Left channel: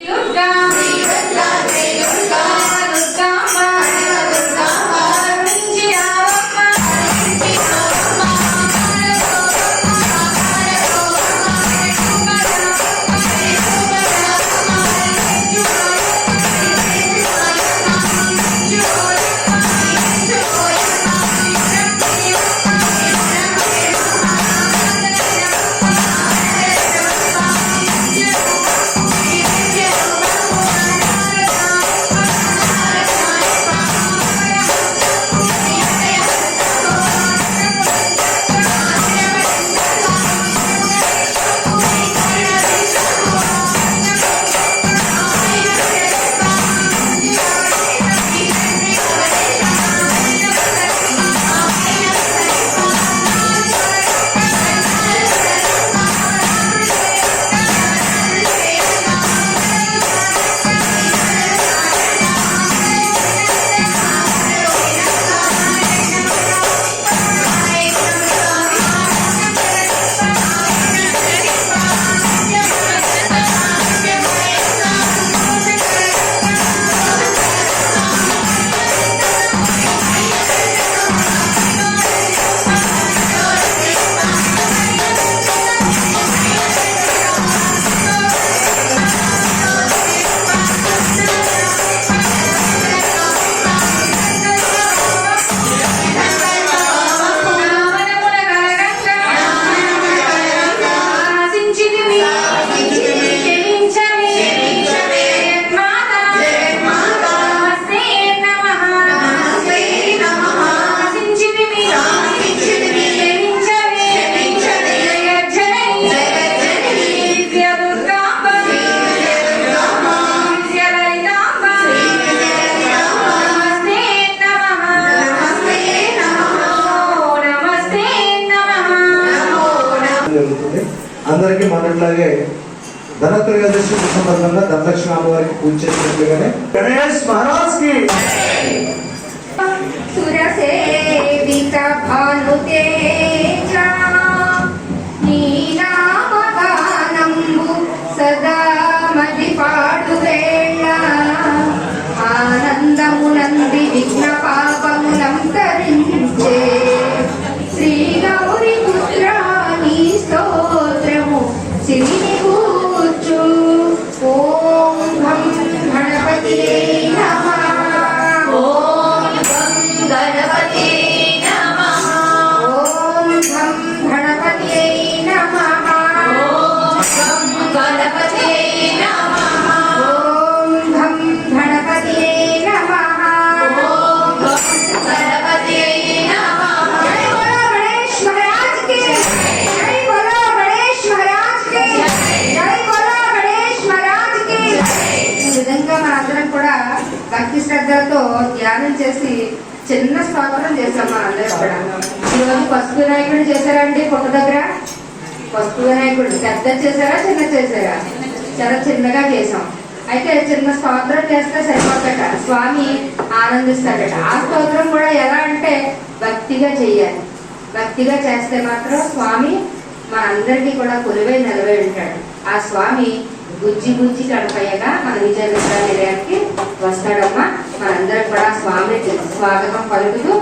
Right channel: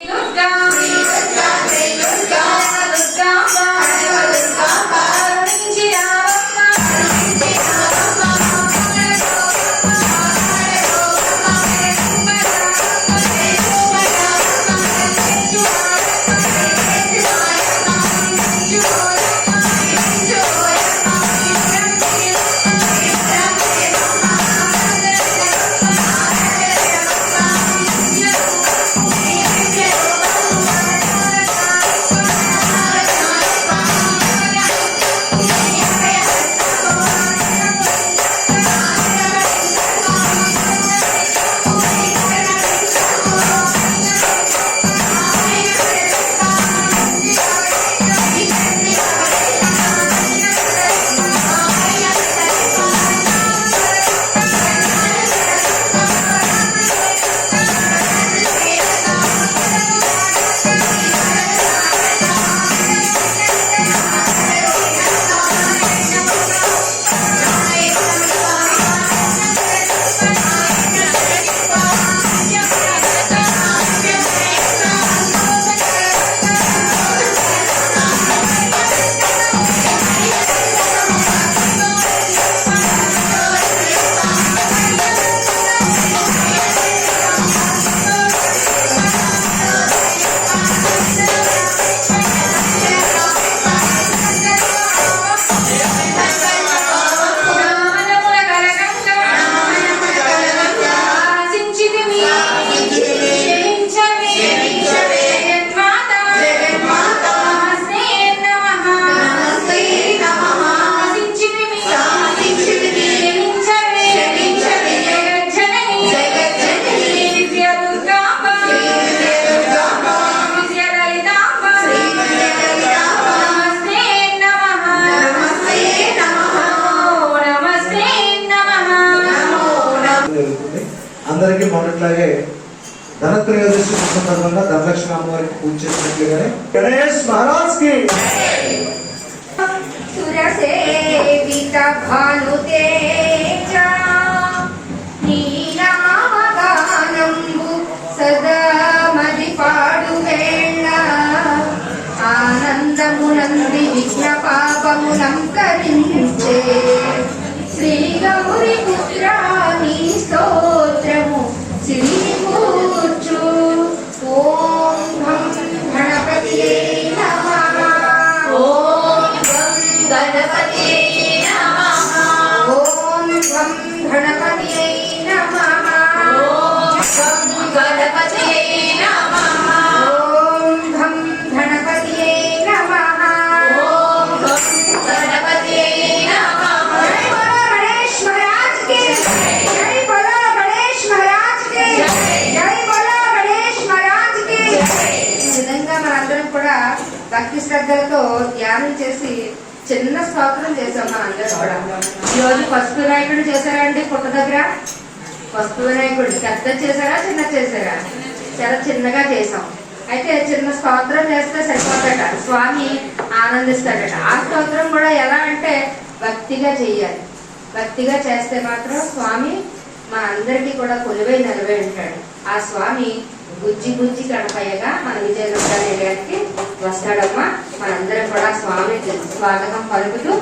Yoga. అందరికీ మనట్లాగే ధనత్రయోదశి సందర్భంగా ధనలక్ష్మి అమ్మవారికి పూజ చేసినట్లుగానే గణేష్ మహారాజ్కి సురసేవిత భానుతేజ సదా మది పాడు ఆనందమునంది విఘ్న పాపములంతా భక్తి శ్రద్ధలతో ధ్యానం చేసి చిన్న స్తోత్రం చేసాం అందరూ కూడా. ఈరోజు పసుపు వినాయకుడు చేశారండి పుట్ట దగ్గర. పసుపు వినాయకుడు పెద్ద చేశారా చిన్న చేశారా? చాలా చిన్నగా చేసాం అయితే చిన్న స్తోత్రం చేస్తే సరిపోతాట స్వామి ఆనందిస్తాడట. ఆ స్తోత్రం కూడా ఎలా అంటే భక్తిగా చెయ్యాలి భక్తిగా చేస్తే మాత్రం స్వామి మన అందరికీ కూడా కొలువై నిలవై ఉంటాడు. ఆ స్వామి గుజ్జి గుజ్జి గణపయ్యగా మన విజయనగర నిలయానికి వస్తాడమ్మా. మనందరం కూడా స్వామికి స్వాగతం పలుకుతూ